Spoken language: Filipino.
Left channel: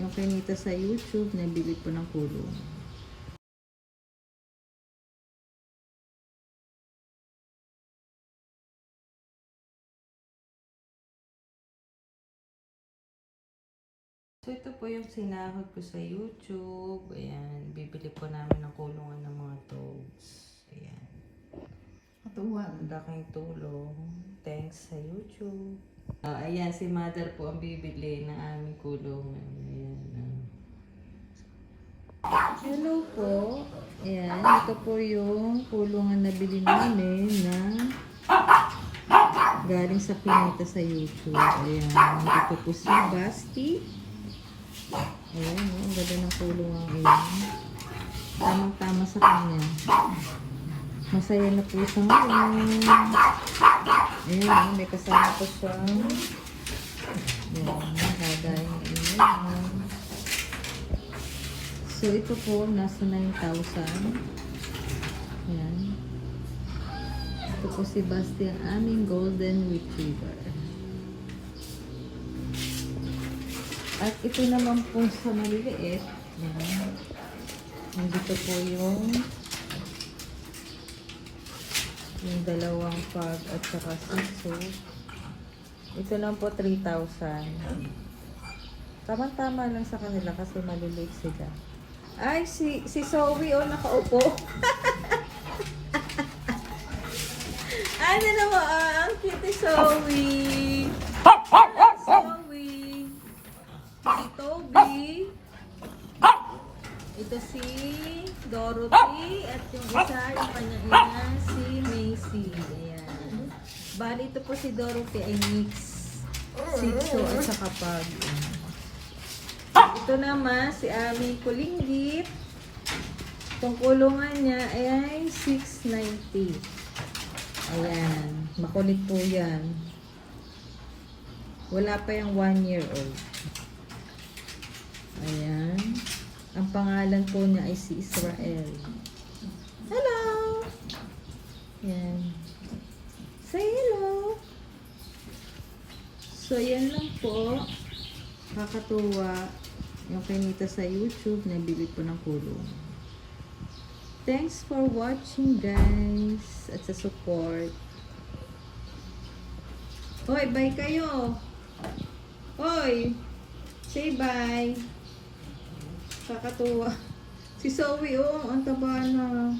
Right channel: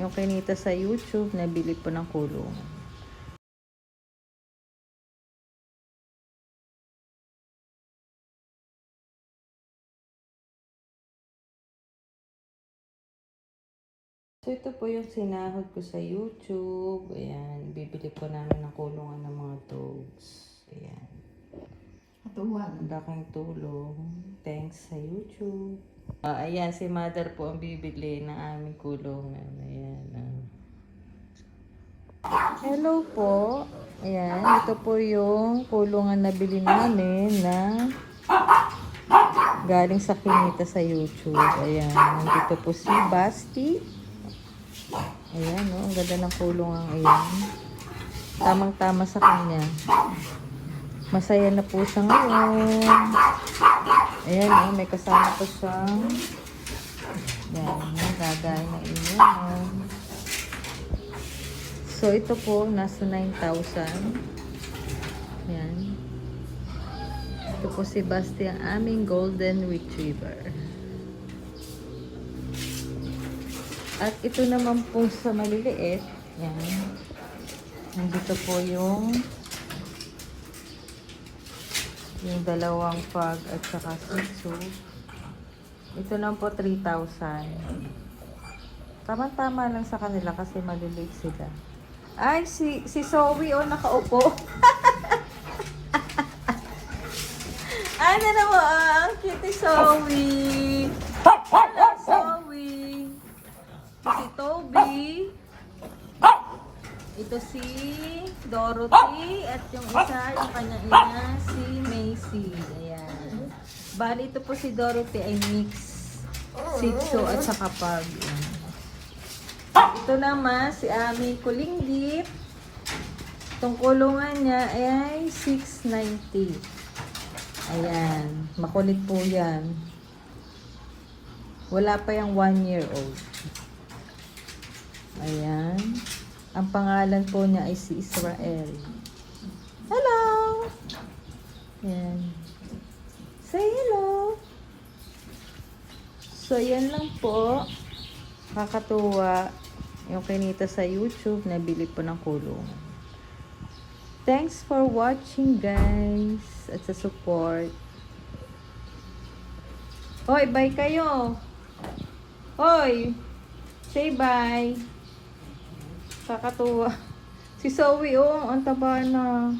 yung kinita sa YouTube, nabili po ng kulungan. So, ito po yung sinahod ko sa YouTube. Ayan, bibili po namin ng kulungan ng mga dogs. Ayan. Katuwang. Ang laking tulong. Thanks sa YouTube. Ayan, si Mother po ang bibili ng aming kulungan. Ayan. Hello po. Ayan, ito po yung kulungan na bili namin na galing sa kinita sa YouTube. Ayan, dito po si Basti. Ayan, oh, ang ganda ng kulungan ayan. Tamang-tama sa kanya. Masaya na po siya ngayon. Ayan, oh, may kasama po siya. Ayan, gagawin ng inuman. So, ito po, nasa 9,000. Ayan. Ito po si Basti, ang aming golden retriever. At ito naman po sa maliliit. Ayan. Nandito po yung dalawang pug at saka sisu. Ito lang po 3,000. Tama-tama lang sa kanila kasi maliliit sila. Ay, si Zoe o nakaupo. Ano naman ang cute Zoe. Zoe. Si Toby. Ito si Dorothy. At yung isa, yung kanyang ina, si Macy. Ayan. Bali, ito po si Dorothy ay mix. Shih Tzu at saka pug. Ito naman, si aming kulinggit. Itong kulungan niya ay 690. Ayan. Makulit po yan. Wala pa yung 1 year old. Ayan. Ang pangalan po niya ay si Israel. Hello! Ayan. Say hello! So, yan lang po. Kakatuwa yung kinita sa YouTube, nabili po ng kulungan. Thanks for watching, guys, at sa support. Hoy, bye kayo! Hoy! Say bye! Kakatuwa. Si Zoe, oh, ang taba na.